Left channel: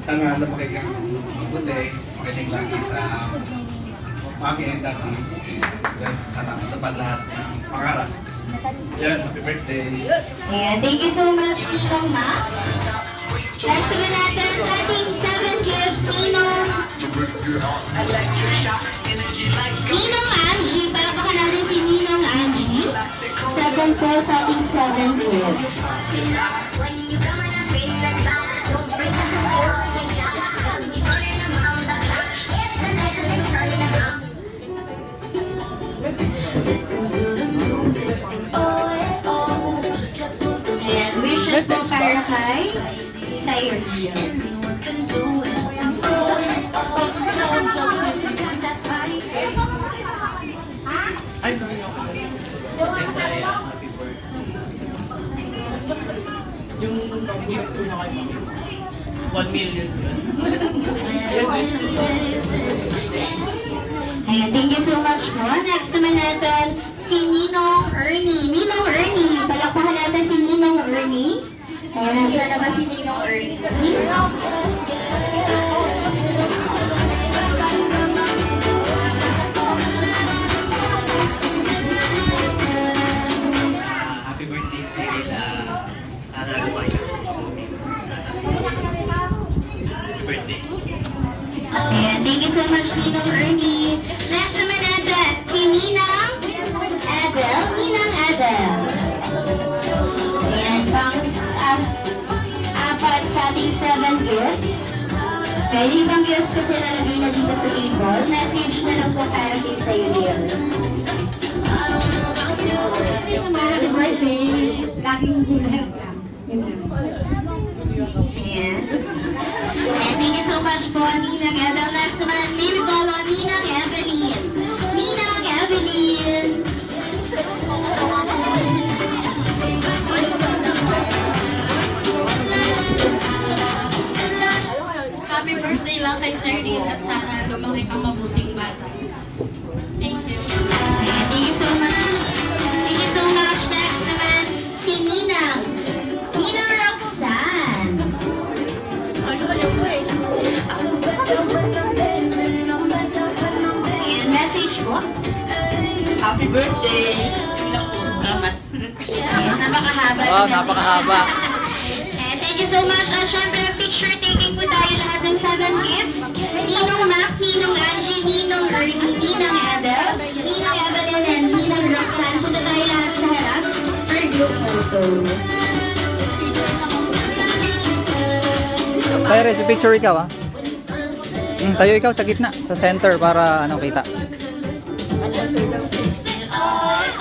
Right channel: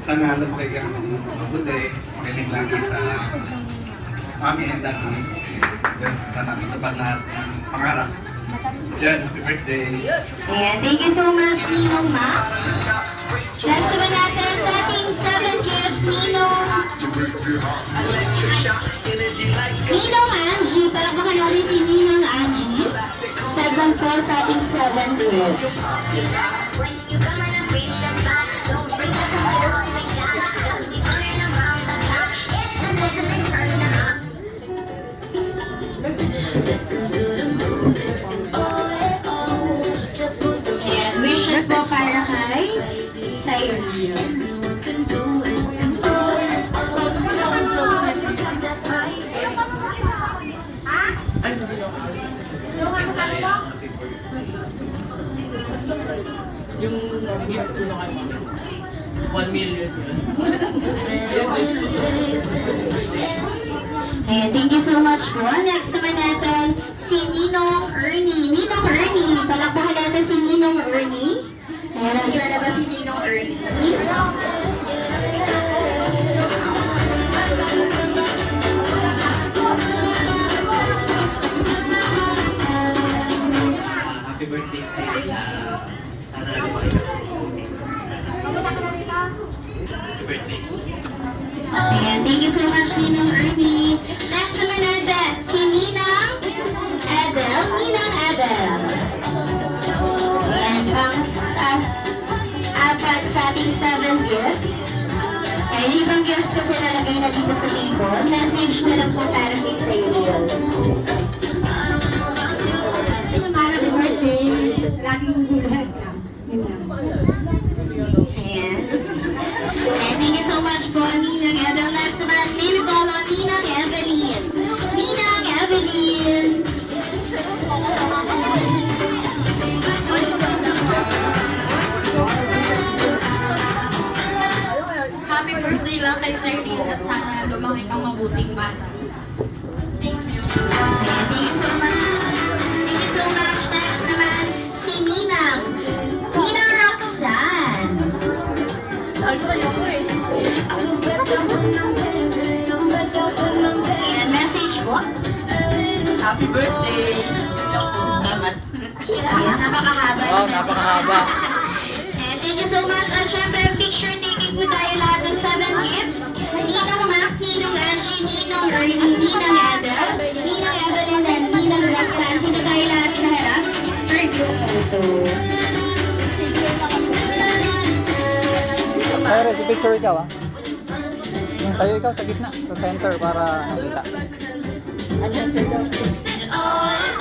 Sana lumaki ka ng mabuti, makinig lagi sa mami and daddy. Then, sana matupad lahat ng pangarap. Yan, happy birthday. Ayan, thank you so much, Ninong Ma. Next naman natin sa ating 7 gifts, Ninong Angie. Palakpakan natin si Ninong Angie. Second po sa ating 7 gifts. Ayan, wishes po para kay Cyril. Yung gift ko na kay Mami. 1 million. Ayan, thank you so much po. Next naman natin si Ninong Ernie. Ninong Ernie, palakpakan natin si Ninong Ernie. Ayan, nandiyan na ba si Ninong Ernie? Happy birthday sa Ella. Sana lumaki ka. Happy birthday. Ayan, thank you so much, Ninong Ernie. Next naman natin si Ninang Adel. Ninang Adel. Ayan, apat sa ating 7 gifts. Kaya yung ibang gifts kasi nalagay na dito sa table. Message na lang po para kay Cyril. Happy birthday! Laging welcome. Ayan. And thank you so much po, Ninang Adel. Next naman, Ninang Evelyn. Ninang Evelyn. Happy birthday lang kay Cyril at sana lumaki kang mabuting bata. Thank you. Ayan, thank you so much. Thank you so much. Next naman, si Ninang. Ninang Roxanne. Ayan, message po. Happy birthday! Yun lang po. Salamat. Ayan, napakahaba. Wow, napakahaba. And thank you so much. At syempre, picture taking po tayo lahat ng 7 gifts. Ninong Mac, Ninong Angie, Ninong Ernie, Ninang Adel, Ninang Evelyn, and Ninang Roxanne. Punta tayo lahat sa harap for group photo. Cyril, picture ikaw ah. Tayo ikaw sa gitna, sa center para ano kita.